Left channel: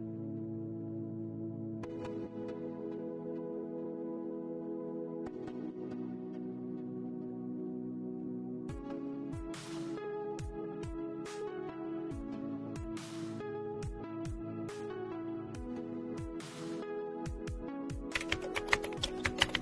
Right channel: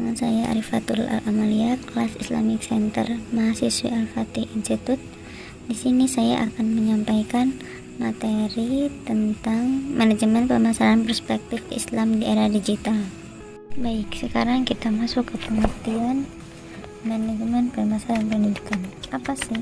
Dengan saya Arifatul Al-Amalia, kelas Islamic Center mahasiswi Al-Fatih Institute. Di sini saya akan menyampaikan materi tentang manajemen pemasaran perspektif Islam di era digital. Baik, sekarang kita masuk ke pengertian manajemen pemasaran pendidikan. Apa sih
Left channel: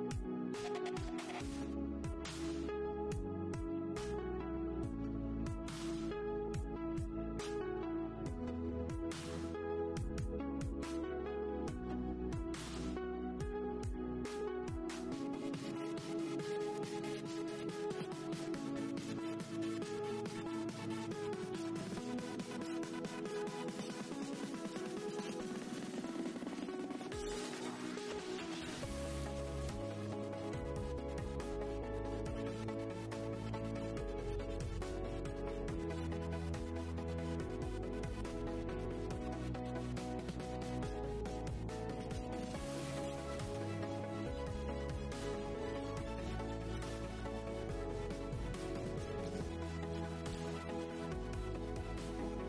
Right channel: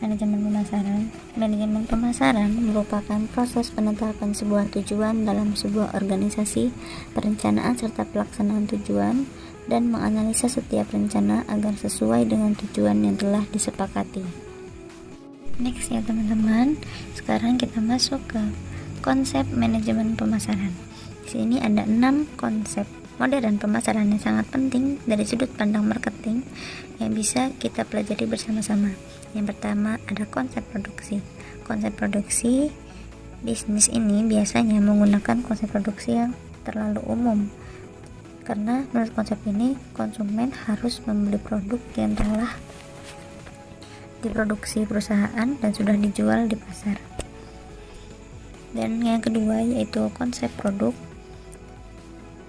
manajemen pemasaran? Manajemen pemasaran merupakan proses penetapan sebuah tujuan dalam sebuah organisasi, perencanaan serta pelaksanaan tujuan, dan menganalisa setiap rencana agar sesuai dengan tujuan yang telah disepakati. Next ya teman-teman, sekarang kita masuk ke konsep manajemen pemasaran. Di sini ada 6 konsep modern pemasaran yang sangat penting dari sudut pandang marketing yang bisa kita pelajari bersama-sama. Yang pertama ada konsep produksi. Konsep produksi bisnis ini biasanya menggunakan konsep produksi yang terlalu umum, karena menurut konsep ini konsumen harus membeli produk yang telah diproduksi perusahaan dan sudah dijual di pasar. Dan yang kedua yaitu konsep produk.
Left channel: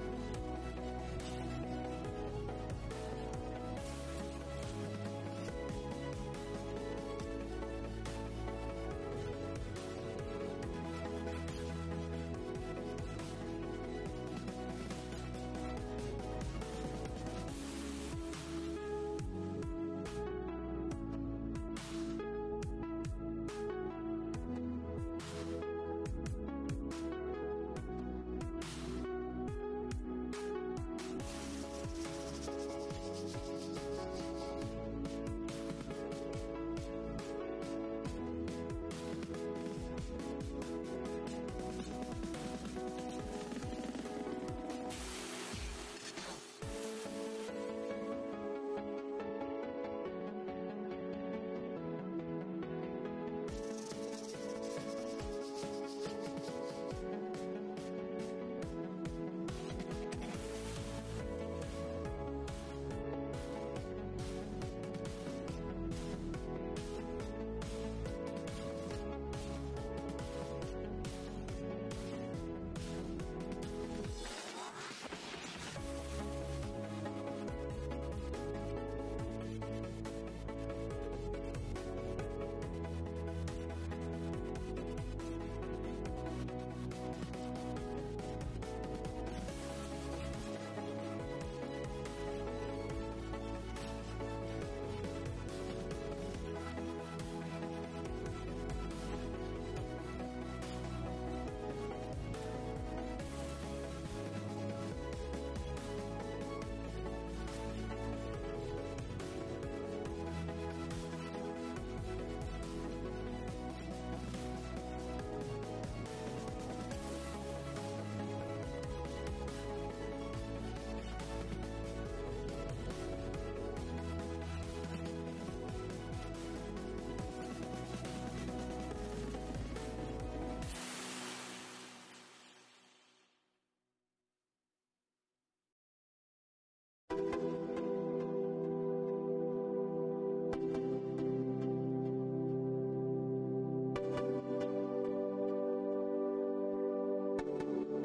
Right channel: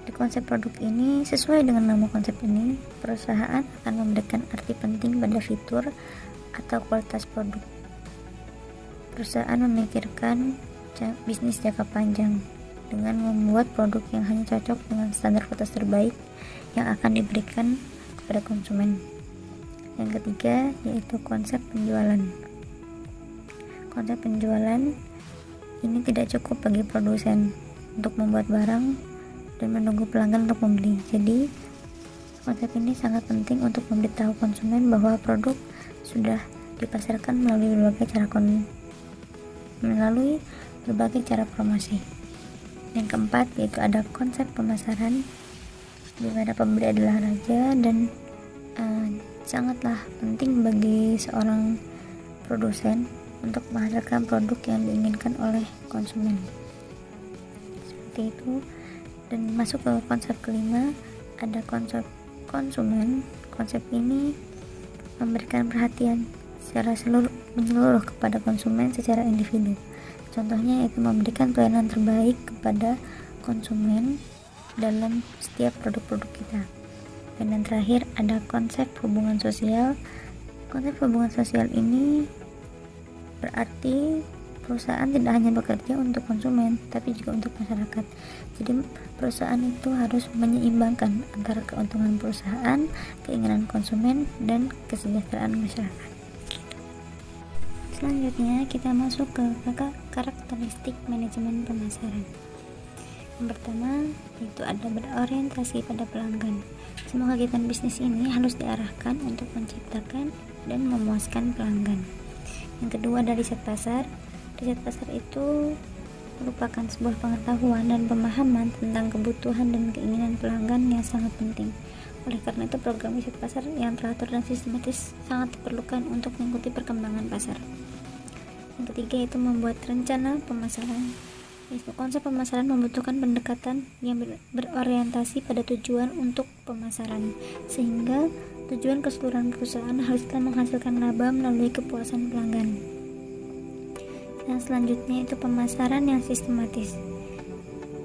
Di konsep produk ini, sesuai dengan nama konsep ini, perusahaan akan memberikan arti penting pada fitur atau kualitas produk. Perusahaan memikirkan bisnis jangka panjang dengan membuat produk yang hanya cocok dengan standar kualitas terbaik yang akan diberikan kepada konsumen. Yang ketiga yaitu konsep penjualan. Konsep penjualan ini tidak cukup bagi produsen untuk membuat barang dan menunggu pelanggan untuk membeli. Jadi konsep ini sangat penting untuk memberitahu konsumen bahwa produk sudah dipasarkan melalui berbagai cara promosi. Yang keempat yaitu ada konsep pemasaran, di mana pembeli adalah raja dan sangatlah penting bagi seorang produsen untuk menghasilkan produk yang diinginkan oleh konsumen. Seperti itu. Dan masuk ke konsep kelima ada konsep konsumen. Konsep ini memberikan perhatian secara menyeluruh kepada konsumen secara individu. Contohnya yaitu memberikan pelayanan terbaik kepada konsumen dalam setiap produk-produk kita. Dan yang terakhir ada konsep hubungan sosial. Konsep hubungan sosial ini berarti perusahaan tidak hanya bekerja untuk konsumen, tapi juga untuk masyarakat. Jadi perusahaan itu harus menyeimbangkan antara keuntungan perusahaan, keinginan konsumen, dan kesejahteraan masyarakat. Selanjutnya kita masuk ke karakteristik manajemen pemasaran. Yang pertama itu ada berorientasi pada pelanggan. Semua kegiatan bisnis ini harus diarahkan untuk menciptakan dan memuaskan pelanggan. Yang kedua ada riset pasar. Riset pasar itu merupakan sebuah pengetahuan dan pemahaman tentang kebutuhan dan keinginan pelanggan yang sangat penting. Oleh karena itu program riset pasar yang teratur dan sistematis sangat diperlukan untuk mengikuti perkembangan pasar. Yang ketiga itu membuat rencana pemasaran. Konsep pemasaran membutuhkan pendekatan yang berorientasi pada tujuan untuk pemasaran, sehingga tujuan keseluruhan perusahaan haruslah menghasilkan laba melalui kepuasan pelanggan. Yang selanjutnya itu pemasaran yang sistematis.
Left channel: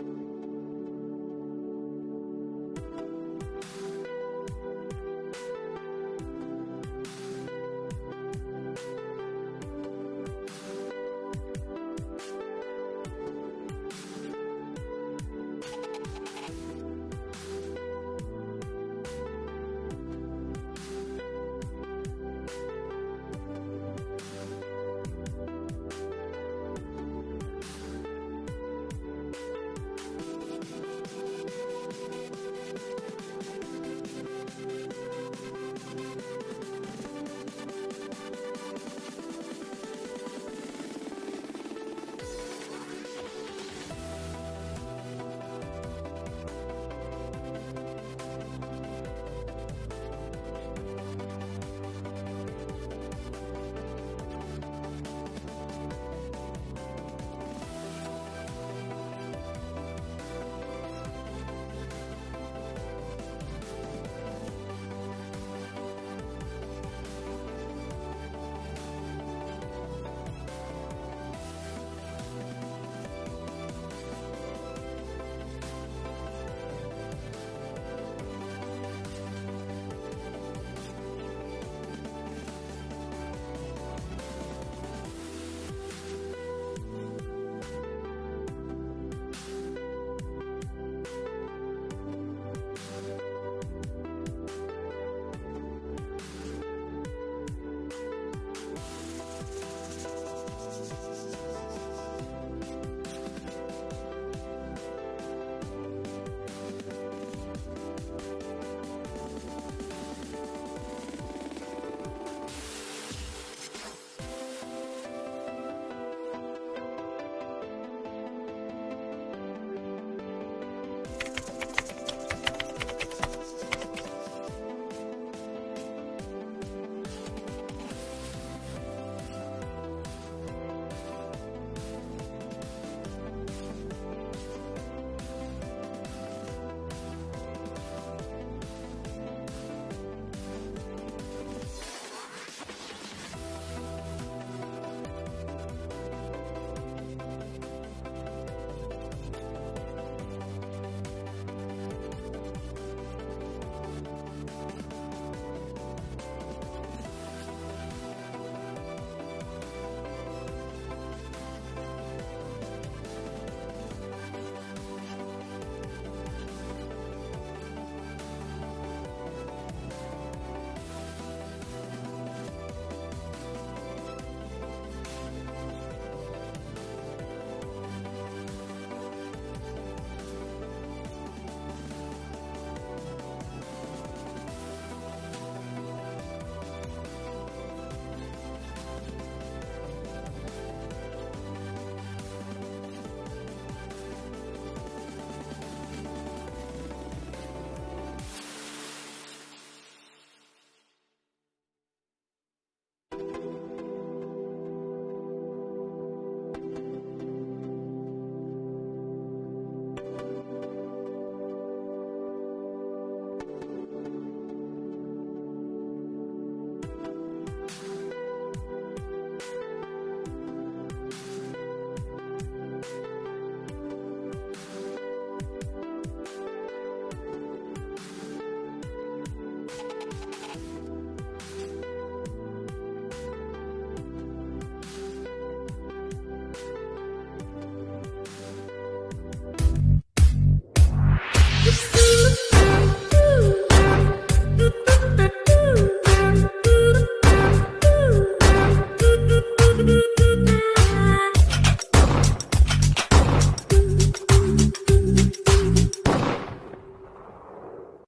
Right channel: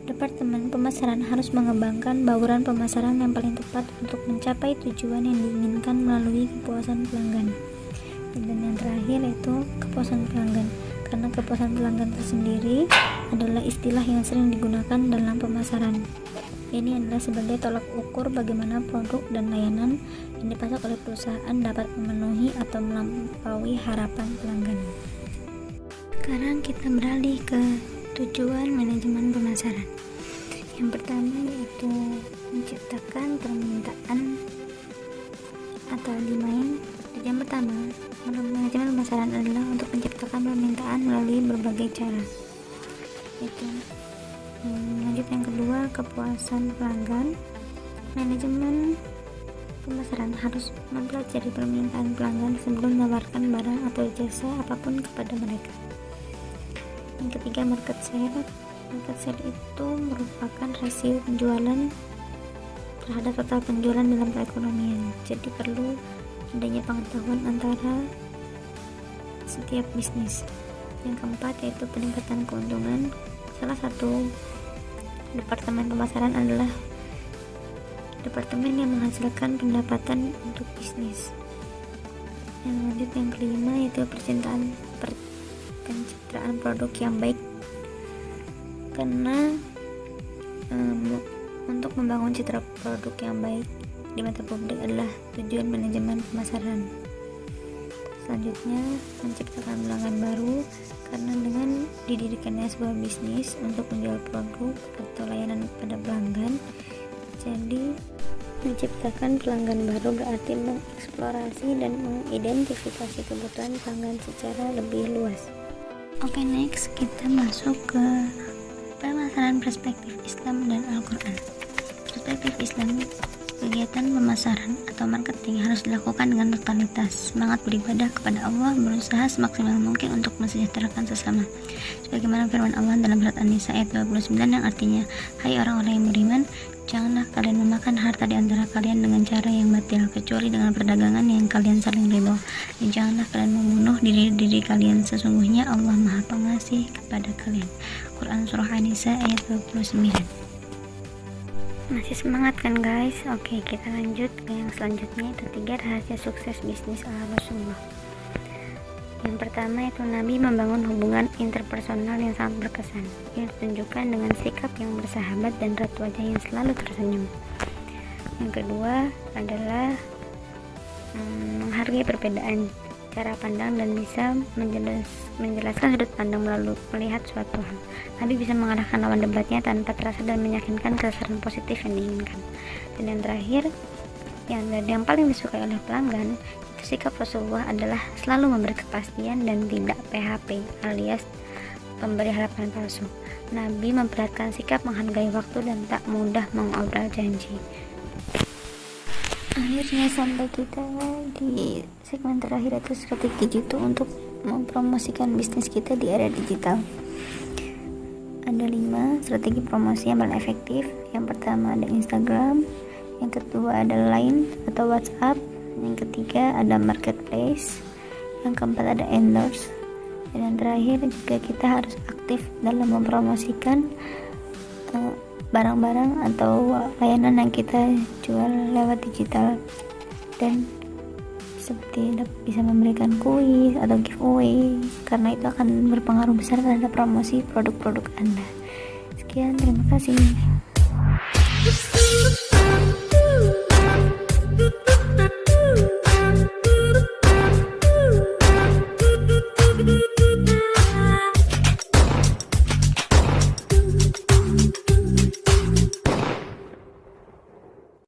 Departemen pemasaran harus mengembangkan bauran pemasaran yang paling tepat untuk mencapai tujuan yang diinginkan melalui kepuasan pelanggan. Dan yang terakhir itu kepuasan pelanggan. Karena kepuasan pelanggan tersendiri adalah istilah yang sering digunakan dalam pemasaran. Ini adalah sebagai tolak ukur bagaimana produk dan layanan yang dipasok oleh perusahaan dapat memenuhi atau melampaui harapan pelanggan. Sekarang kita beralih ke tujuan manajemen pemasaran. Yang pertama yaitu menciptakan permintaan atau demand. Yang pertama, manajemen pemasaran adalah untuk menciptakan permintaan melalui berbagai cara. Lanjut yang kedua, kepuasan pelanggan. Manajemen pemasaran harus mempelajari permintaan pelanggan sebelum menawarkan barang atau jasa apapun kepada mereka. Yang ketiga, market share. Market share itu merupakan rasio penjualan terhadap total penjualan dalam perekonomian. Jadi perlu adanya pengetahuan antara setiap bisnis. Yang keempat yaitu peningkatan keuntungan. Salah satu departemen pemasaran adalah departemen yang menghasilkan pendapatan untuk bisnis. Yang lanjut yang kelima yaitu pencitraan produk yang baik, karena untuk membangun citra produk yang baik di mata publik adalah tujuan manajemen pemasaran. Selanjutnya, menciptakan pelanggan baru, karena dengan didirikannya sebuah bisnis untuk menjual produk atau layanan pada pelanggan, jadi menciptakan pelanggan baru berarti mengeksplorasi dan mengidentifikasi kebutuhan pelanggan secara lebih luas. Oke, next kita masuk ke permasalahan perspektif Islam dan Al-Quran. Perspektif Islam, kegiatan pemasaran atau marketing harus dilakukan dengan totalitas, semangat beribadah kepada Allah, berusaha semaksimal mungkin untuk mensejahterakan sesama. Sebagaimana firman Allah dalam surat An-Nisa ayat 29 yang artinya, hai orang-orang yang beriman, janganlah kalian memakan harta di antara kalian dengan cara yang batil, kecuali dengan perdagangan yang kalian saling ridho. Dan janganlah kalian membunuh diri kalian, sesungguhnya Allah Maha Pengasih kepada kalian. Quran Surah An-Nisa ayat 29. Masih semangat kan guys? Oke, kita lanjut ke yang selanjutnya, itu 3 rahasia sukses bisnis ala Rasulullah. Yang pertama itu Nabi membangun hubungan interpersonal yang sangat berkesan, yang ditunjukkan dengan sikap yang bersahabat dan raut wajah yang selalu tersenyum. Yang kedua adalah menghargai perbedaan cara pandang dan bisa menjelaskan sudut pandang melalui melihat suatu hal. Nabi bisa mengarahkan lawan debatnya tanpa terasa dan meyakinkan kesan positif yang diinginkan. Dan yang terakhir, yang paling disukai oleh pelanggan, sikap Rasulullah adalah selalu memberi kepastian dan tidak PHP alias pemberi harapan palsu. Nabi memperhatikan sikap menghargai waktu dan tak mudah mengobral janji. Akhirnya sampai kita di segmen terakhir, itu strategi digital untuk mempromosikan bisnis kita di era digital. Ada 5 strategi promosi yang paling efektif. Yang pertama ada Instagram, yang kedua ada Line atau WhatsApp, yang ketiga ada Marketplace, yang keempat ada Endorse, dan yang terakhir juga kita harus aktif dalam mempromosikan barang-barang atau layanan yang kita jual lewat digital, dan seperti bisa memberikan kuis atau giveaway, karena itu akan berpengaruh besar terhadap promosi produk-produk Anda. Sekian, terima kasih.